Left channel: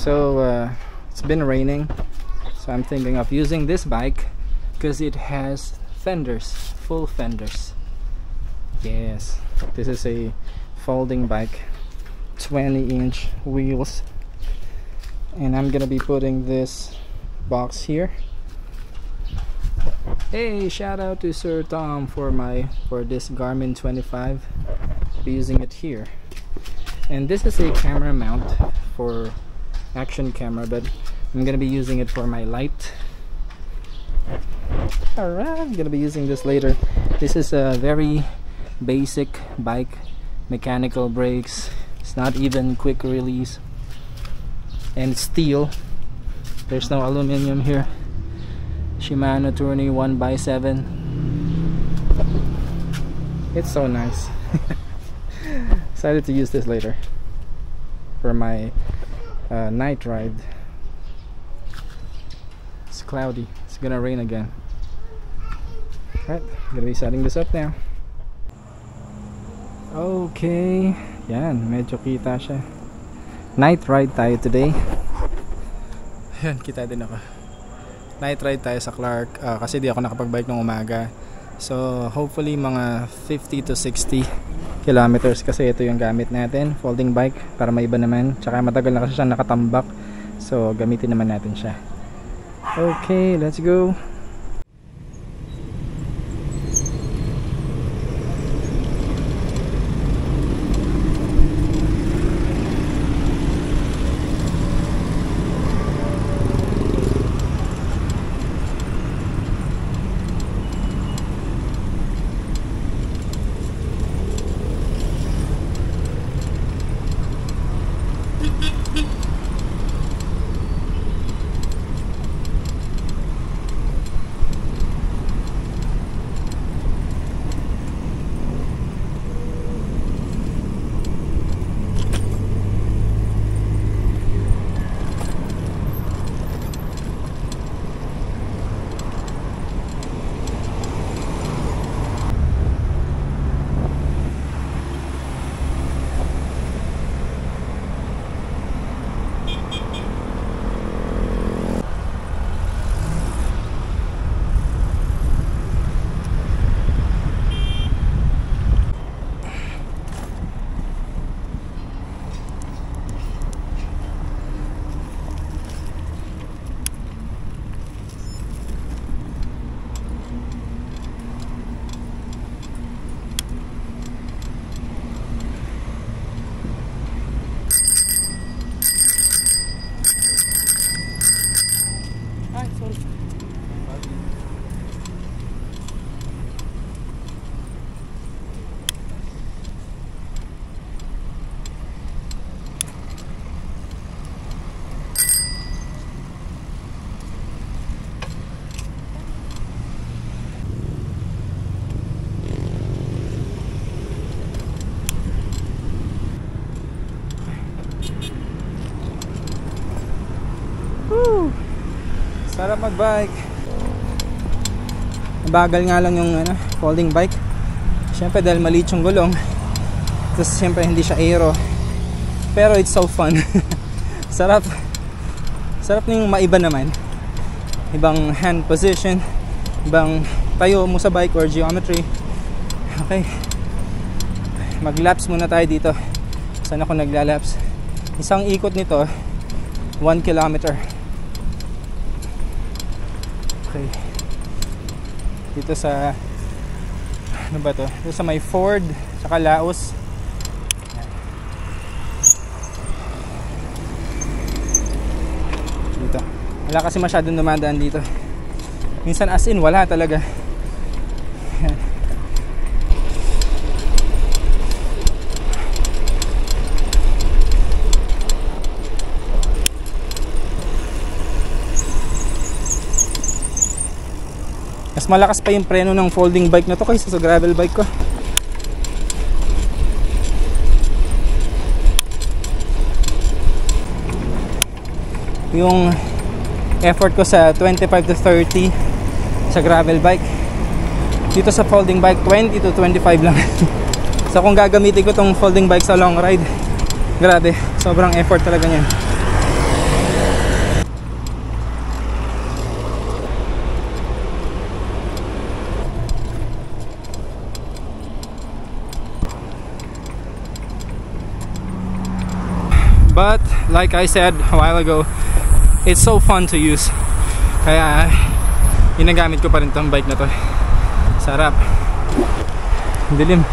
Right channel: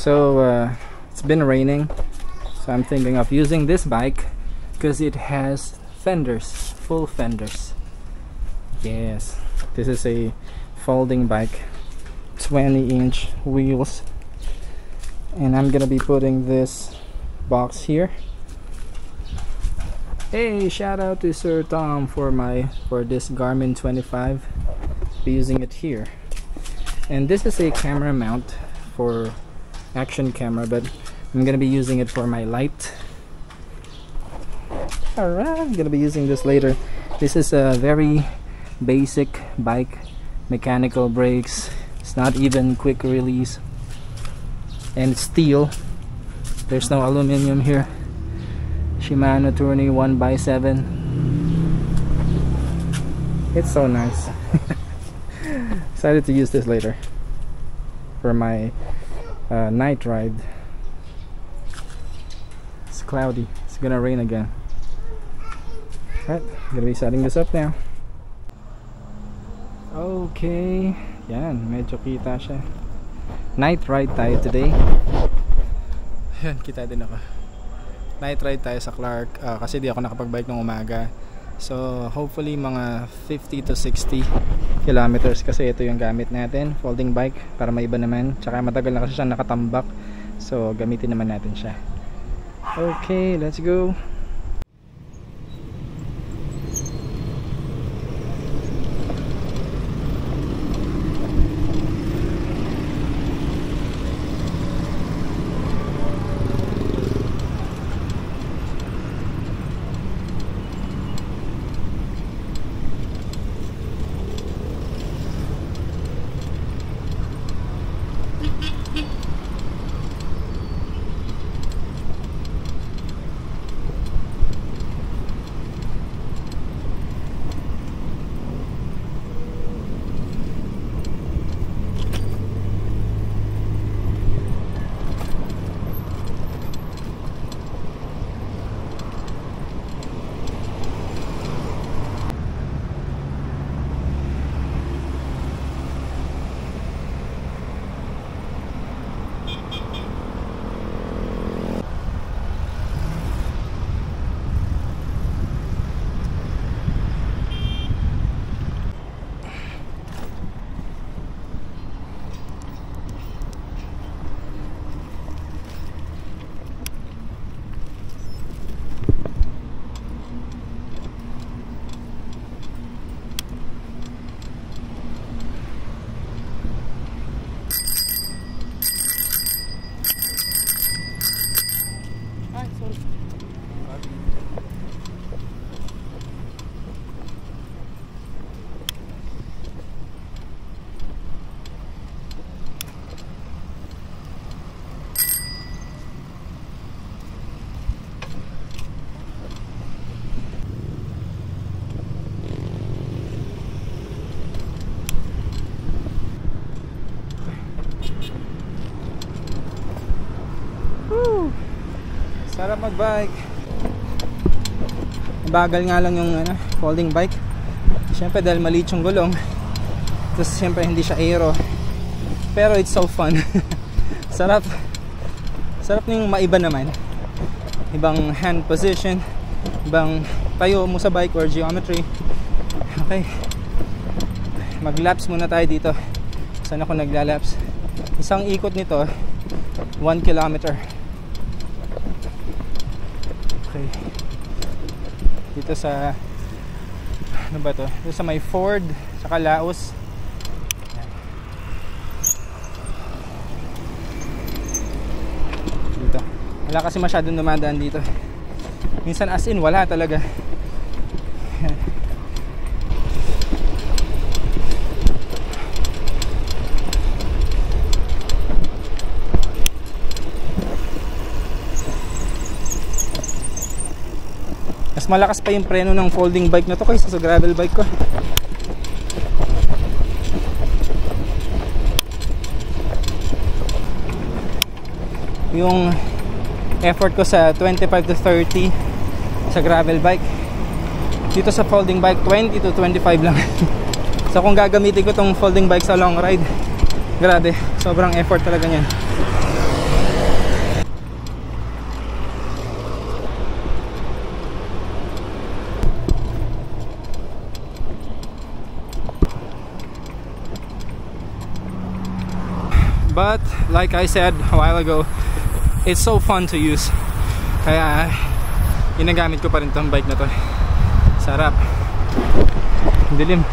So it's been raining, so I'm thinking of using this bike because it has fenders, full fenders. Yes, this is a folding bike, 20-inch wheels, and I'm gonna be putting this box here. Hey, shout out to Sir Tom for this Garmin 25. Be using it here. And this is a camera mount for action camera, but I'm gonna be using it for my light. Alright, I'm gonna be using this later. This is a very basic bike, mechanical brakes. It's not even quick release, and it's steel. There's no aluminum here. Shimano Tourney 1x7. It's so nice. Excited to use this later for my night ride. It's cloudy, it's gonna rain again. Alright, I'm gonna be setting this up now. Okay, yan, medyo kita siya. Night ride tayo today. Yan, kita din ako. Night ride tayo sa Clark kasi di ako nakapag-bike ng umaga. So hopefully mga 50 to 60 kilometers kasi ito yung gamit natin, folding bike, para maiba naman. Tsaka matagal na kasi siya nakatambak, so gamitin naman natin siya. Okay, let's go. Woo! Sarap magbike. Bagal nga lang yung folding bike. Siyempre dahil maliit yung gulong. Tapos siyempre hindi siya aero. Pero it's so fun. Sarap. Sarap yung maiba naman. Ibang hand position, ibang tayo mo sa bike or geometry. Okay. Mag-laps muna tayo dito. Saan ako nagla-laps? Isang ikot nito 1 kilometer. Okay. Dito sa ano ba to? Dito sa may Ford saka Laos. Dito. Wala kasi masyadong dumadaan dito. Minsan as in wala talaga. Mas malakas pa yung preno ng folding bike na to kaysa sa gravel bike ko. Yung effort ko sa 25 to 30 sa gravel bike, dito sa folding bike 20 to 25 lang. So kung gagamitin ko tong folding bike sa long ride, grabe, sobrang effort talaga niyan. like I said a while ago, it's so fun to use. Kaya ginagamit ko pa rin tong bike na to. Sarap. Dilim.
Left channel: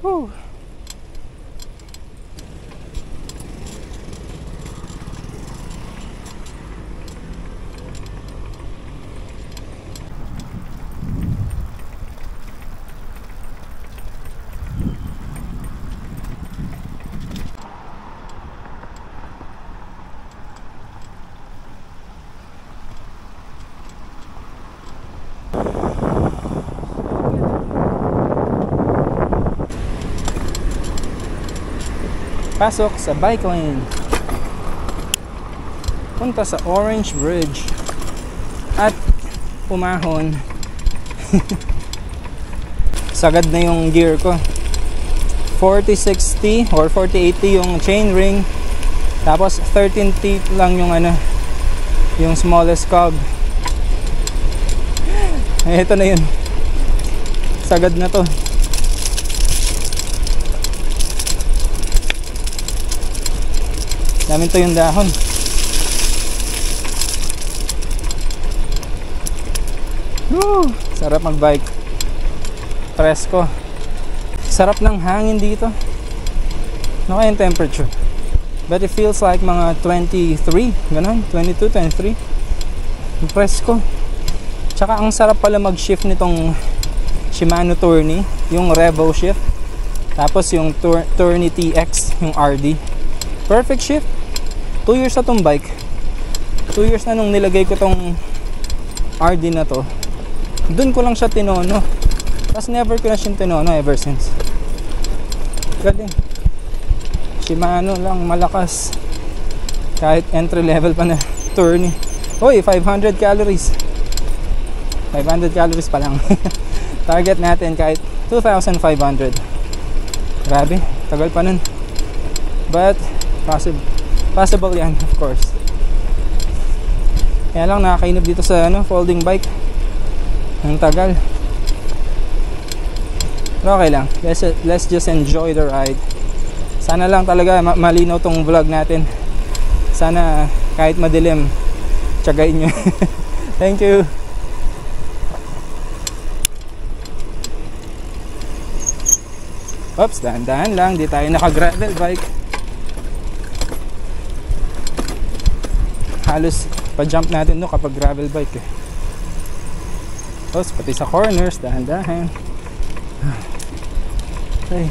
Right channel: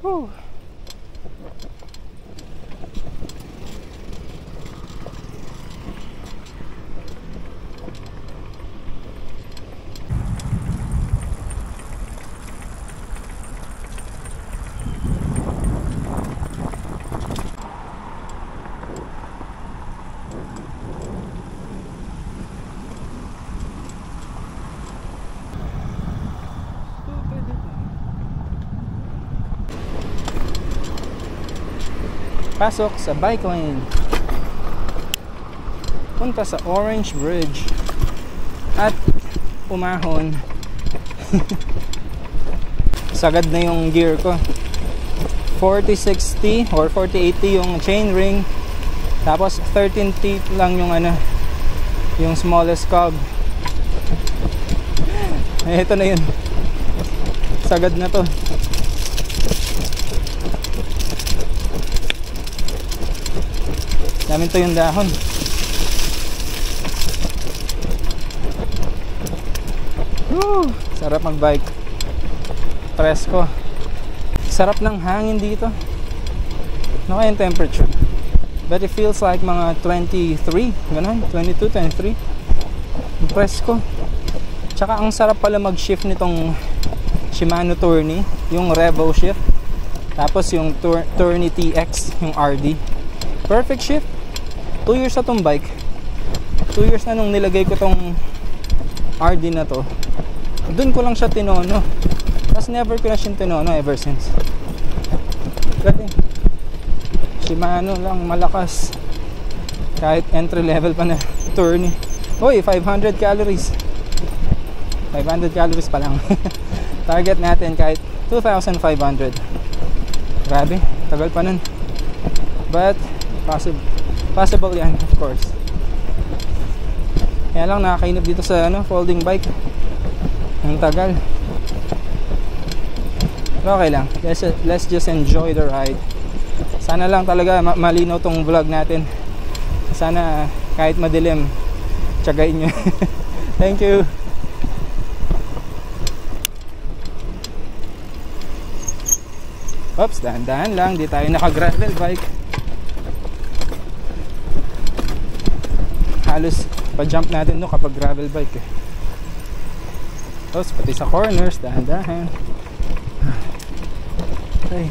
Woo. Pasok sa bike lane. Punta sa Orange Bridge. At umahon. Sagad na yung gear ko. 4060 or 4080 yung chain ring. Tapos 13 teeth lang yung yung smallest cog. Ito na yun. Sagad na to. Namin to yung dahon. Woo! Sarap magbike. Presko. Sarap ng hangin dito. Ano kaya yung temperature? But it feels like mga 23, ganun, 22, 23. Presko. Tsaka ang sarap pala mag-shift nitong Shimano Tourney, yung Revo shift. Tapos yung Tourney TX, yung RD. Perfect shift. 2 years na tong bike. 2 years na nung nilagay ko tong RD na to. Doon ko lang siya tinono. Tapos never ko na siya tinono ever since. Galing. Shimano lang, malakas. Kahit entry level pa na Tourney. Uy, 500 calories. 500 calories pa lang. Target natin kahit 2,500. Grabe, tagal pa nun. But possible yan, of course. Kaya lang nakakainip dito sa folding bike. Ang tagal. Pero okay lang. Let's just enjoy the ride. Sana lang talaga malinaw tong vlog natin. Sana kahit madilim, tiyagain nyo. Thank you. Oops, dahan-dahan lang. Di tayo naka-gravel bike. Halos pa-jump natin no kapag gravel bike eh. Oops, pati sa corners, dahan-dahan. Okay.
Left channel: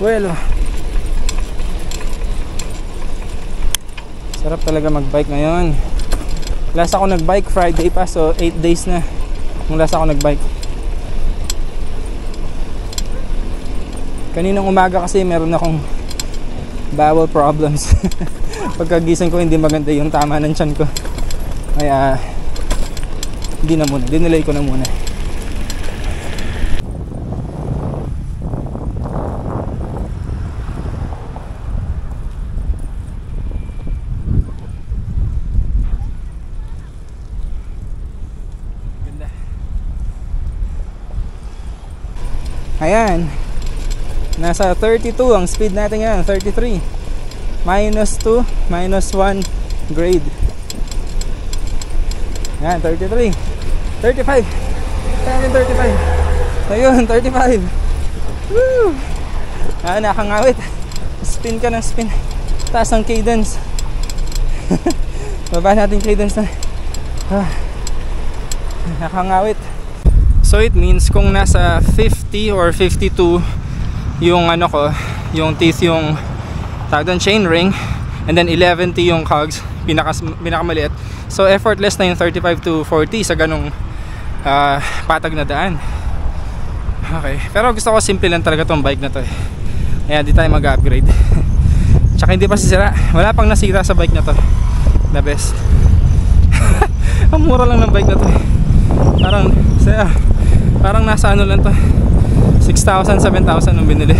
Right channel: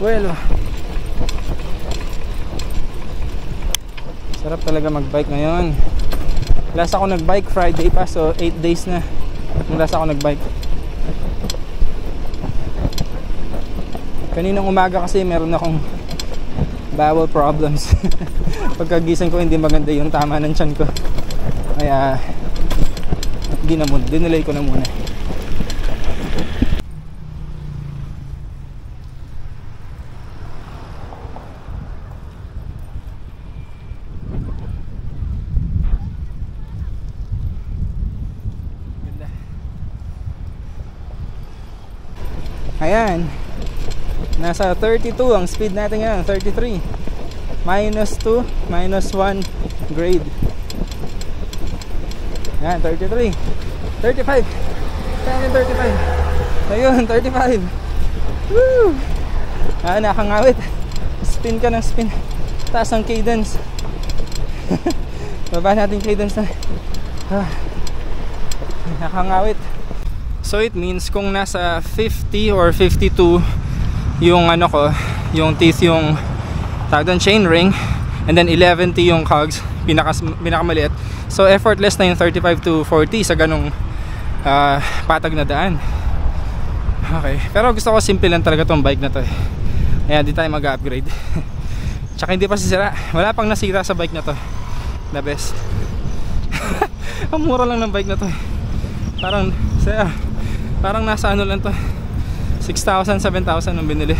Well, sarap talaga mag-bike ngayon. Last ako nag-bike Friday pa, so 8 days na nung last ako nag-bike. Kaninang umaga kasi meron akong bowel problems. Pagkagising ko hindi maganda yung tama ng tiyan ko. Kaya hindi na muna, dinelay ko na muna. Ganda. Ayan. Nasa 32 ang speed natin ngayon, 33. Minus 2, minus 1 grade. Yan, 33. 35. Kaya 35. Ayun, 35. Woo! Nakangawit. Spin ka ng spin. Taas ang cadence. Baba natin cadence na. Nakangawit. So it means kung nasa 50 or 52 yung yung teeth, yung tawag doon chain ring, and then 11T yung cogs, pinakamaliit. So effortless na yung 35 to 40 sa ganung patag na daan. Okay, pero gusto ko simple lang talaga tong bike na to eh. Ayan, di tayo mag-upgrade. Tsaka hindi pa sisira, wala pang nasira sa bike na to. The best. Ang mura lang ng bike na to eh. Parang nasa lang to, 6,000, 7,000 nung binili.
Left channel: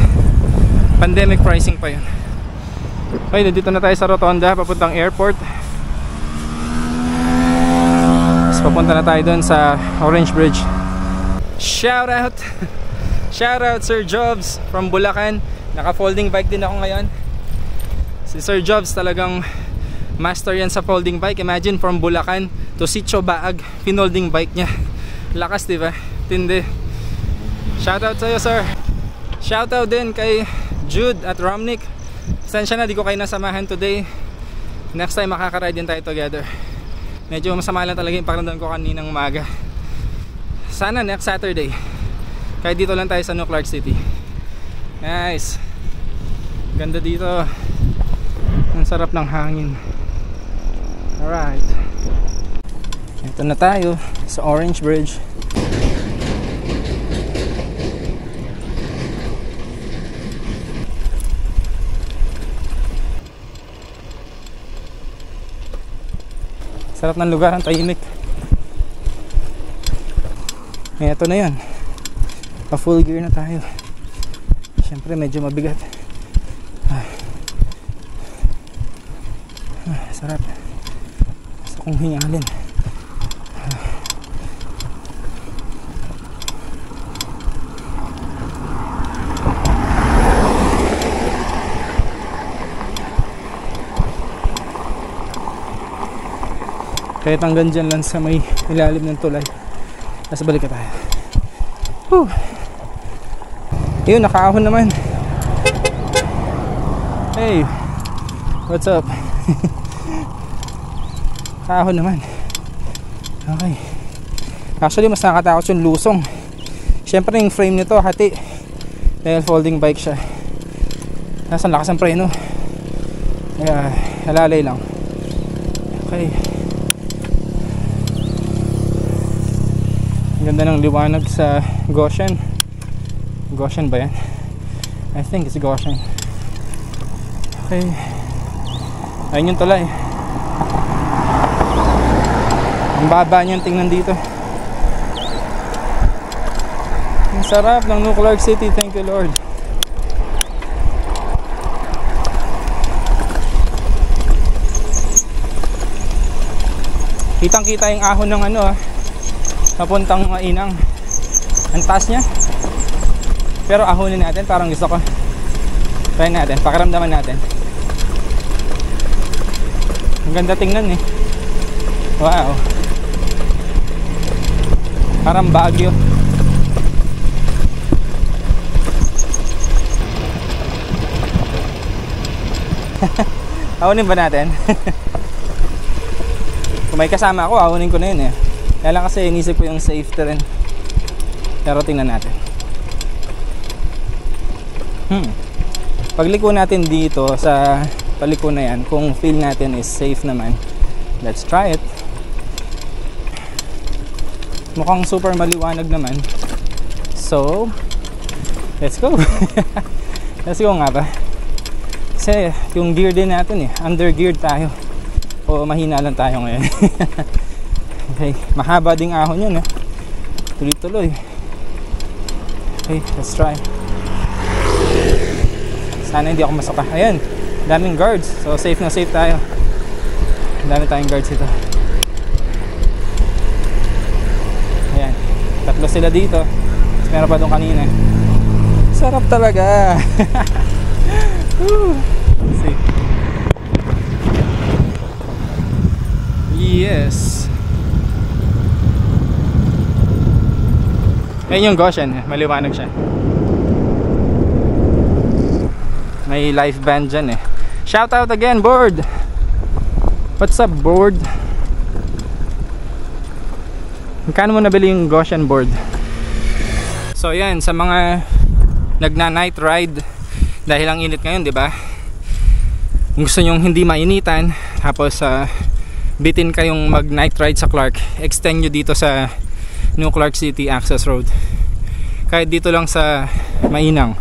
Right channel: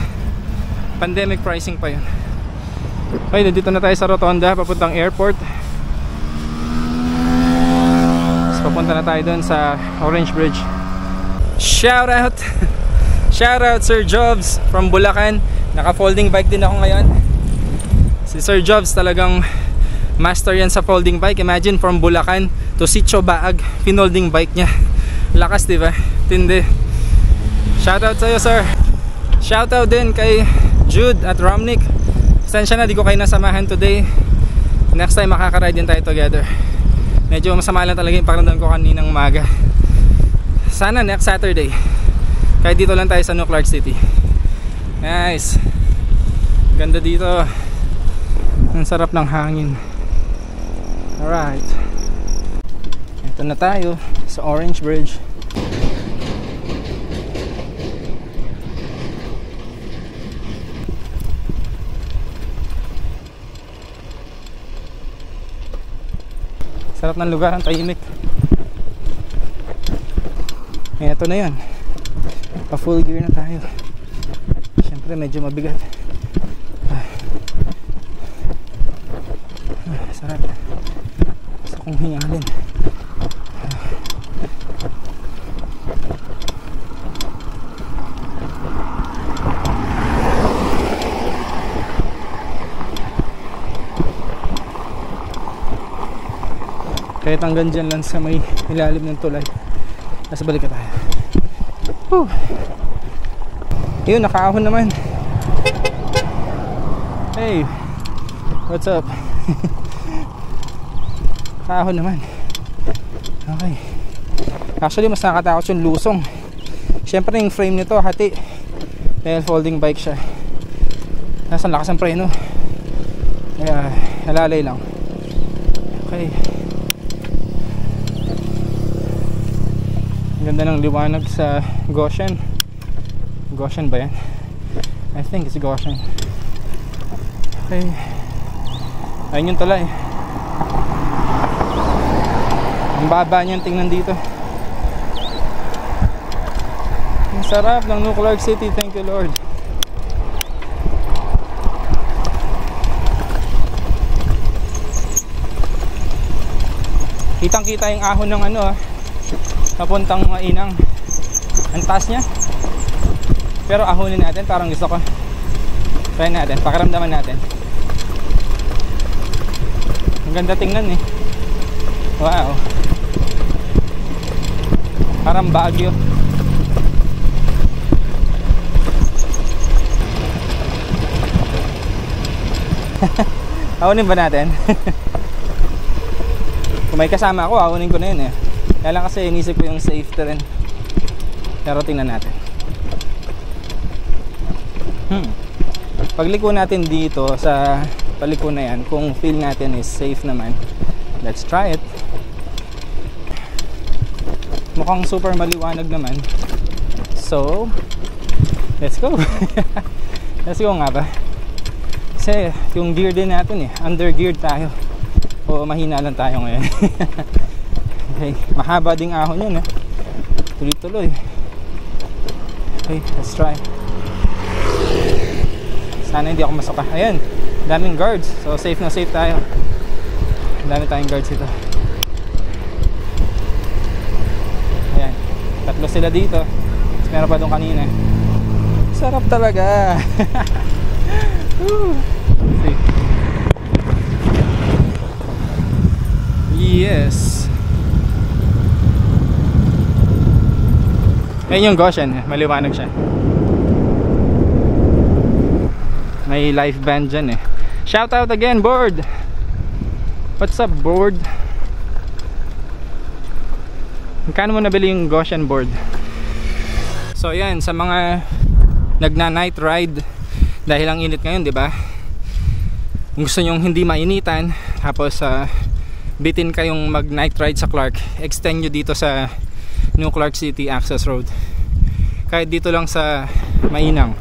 Pandemic pricing pa yun. Okay, nandito na tayo sa Rotonda, papuntang airport. Tapos papunta na tayo doon sa Orange Bridge. Shout out Sir Jobs from Bulacan. Naka folding bike din ako ngayon. Si Sir Jobs talagang master yan sa folding bike. Imagine from Bulacan to Sitio Baag, pinolding bike niya. Lakas, diba? Tindi. Shoutout sa'yo, sir. Shoutout din kay Jude at Romnick. Pasensya na, di ko kayo nasamahan today. Next time makaka-ride din tayo together. Medyo masama lang talaga yung pakiramdam ko kaninang umaga. Sana next Saturday. Kahit dito lang tayo sa New Clark City. Nice. Ganda dito. Ang sarap ng hangin. Alright. Ito na tayo sa Orange Bridge. Sarap ng lugar, ang tahimik. Ito na yun. Pa full gear na tayo. Siyempre medyo mabigat. Sarap. Gusto kong hingalin. Kahit hanggang dyan lang sa may ilalim ng tulay. Nasa balik ka tayo. Whew. Yun, nakaahon naman. Hey, what's up? Nakaahon naman. Okay. Actually, mas nakatakot yung lusong. Siyempre yung frame nito hati. Dahil folding bike siya. Nasa lakas ang preno. Kaya halalay lang. Okay. Ganda ng liwanag sa Goshen. Goshen ba yan? I think it's Goshen. Okay. Ayun yung tulay. Ang baba niyan, tingnan dito. Ang sarap ng New Clark City. Thank you, Lord. Kitang kita yung ahon ng ano papuntang Mainang. Ang taas niya. Pero ahonin natin, parang gusto ko. Try natin, pakiramdaman natin. Ang ganda tingnan eh. Wow. Parang Baguio. Ahonin ba natin? Kung may kasama ako, ahonin ko na yun eh. Kaya lang kasi inisip ko yung safety rin. Pero tingnan natin. Pagliko natin dito sa paliko na yan, kung feel natin is safe naman, let's try it. Mukhang super maliwanag naman. So, let's go. Let's go nga ba? Kasi yung gear din natin under geared tayo. O mahina lang tayo ngayon. Okay, mahaba ding ahon yun tuloy-tuloy. Okay, let's try. Sana hindi ako masuka. Ayan, daming guards. So safe na safe tayo. Dami tayong guards ito. Ayan, tatlo sila dito. Tapos meron pa doon kanina. Sarap talaga. Let's see. Yes. Ayan yung Goshen, maliwanag siya. May live band dyan Shout out again, board. What's up, board? Magkano mo nabili yung Goshen board? So yan, sa mga nagna-night ride, dahil ang init ngayon, di ba? Kung gusto nyong hindi mainitan, tapos bitin kayong mag-night ride sa Clark, extend nyo dito sa New Clark City Access Road. Kahit dito lang sa Mainang.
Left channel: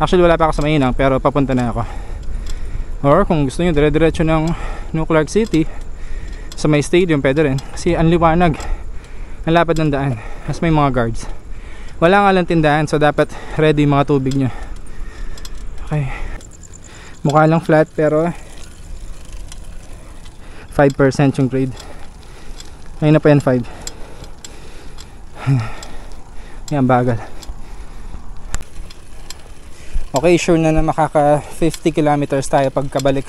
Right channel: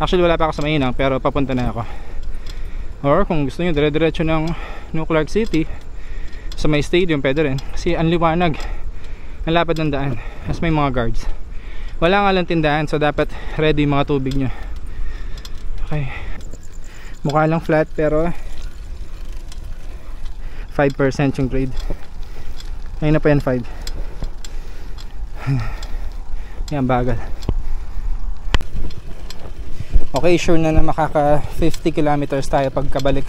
Actually wala pa ako sa Mainang, pero papunta na ako. Or kung gusto nyo dire-diretso ng New Clark City sa may stadium, pwede rin. Kasi ang liwanag, ang lapad ng daan. As may mga guards. Wala nga lang tindahan, so dapat ready mga tubig nyo. Okay. Mukha lang flat, pero 5% yung grade. Ayun na pa yan, 5. Yan, bagal. Okay, sure na makaka 50 kilometers tayo pagkabalik.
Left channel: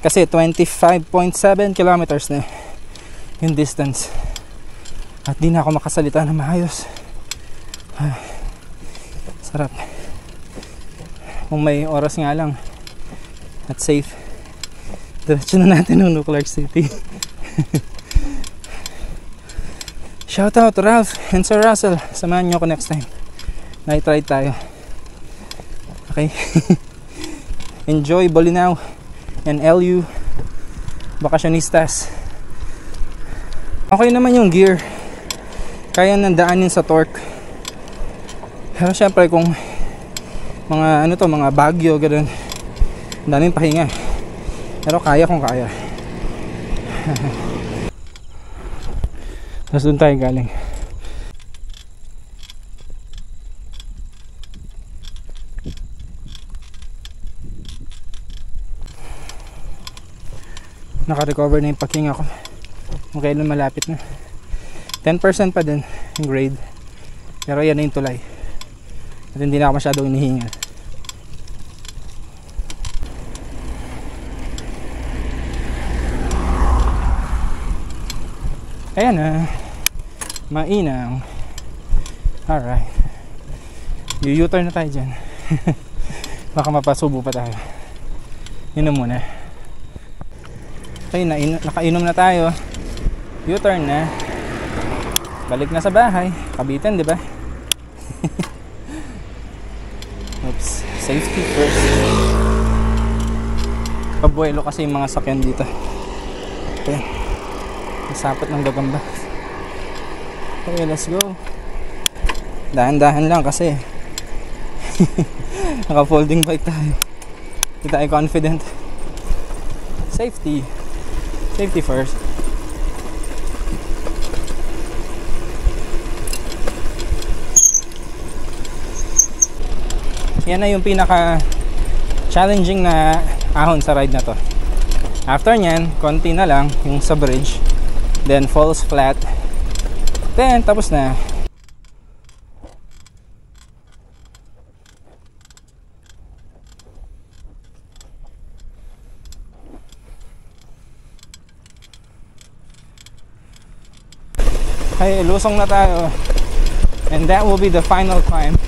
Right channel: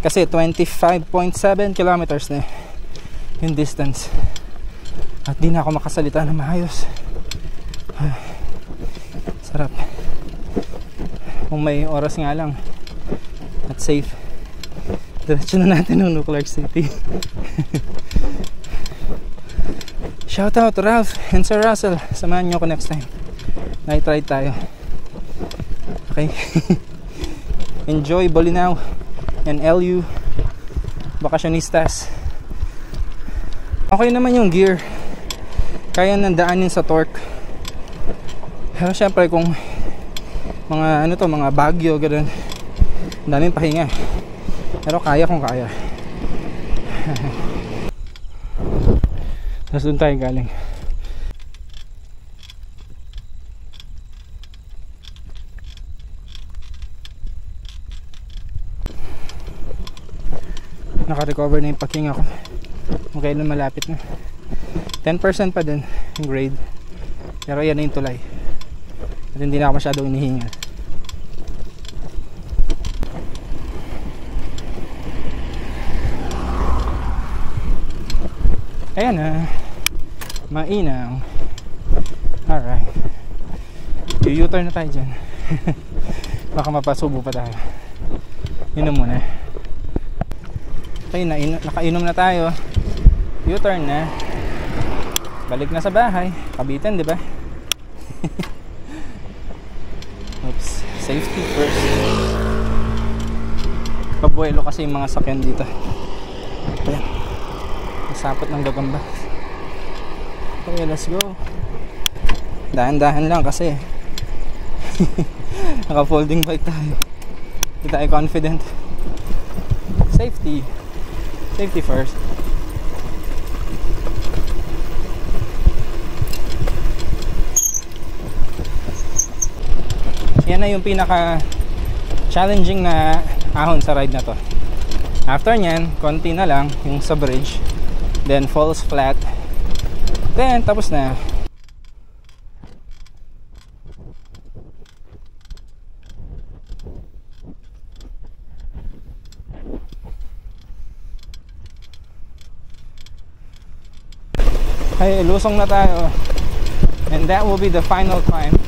Kasi 25.7 kilometers na yung distance. At di na ako makasalita na maayos. Sarap. Kung may oras nga lang at safe, diretso na natin ng Clark City. Shout out to Ralph and Sir Russell. Samahan nyo ako next time. Night ride tayo. Okay. Enjoy Bolinao and LU Vacacionistas. Okay naman yung gear, kaya nandaanin sa torque. Pero syempre kung mga ano to, mga bagyo ganun, daming pahinga. Pero kaya kung kaya. Tapos doon tayo galing. Naka-recover na yung paghinga ko. Okay na, malapit na. 10% pa din yung grade. Pero yan na yung tulay. At hindi na ako masyadong inihinga. Ayan na. Mainang. Alright. U-turn na tayo dyan. Baka mapasubo pa tayo. Yun na muna. Okay, nakainom na tayo. U-turn na. Balik na sa bahay. Kabitan, di ba? Oops. Safety first. Pabuelo kasi yung mga sakyan dito. Okay. Nasapot ng gagamba. Okay, let's go. Dahan-dahan lang kasi naka-folding bike tayo. Hindi tayo confident. Safety first. Yan na yung pinaka challenging na ahon sa ride na to. After nyan, konti na lang yung sa bridge, then falls flat, then tapos na. Okay, lusong na tayo. And that will be the final climb.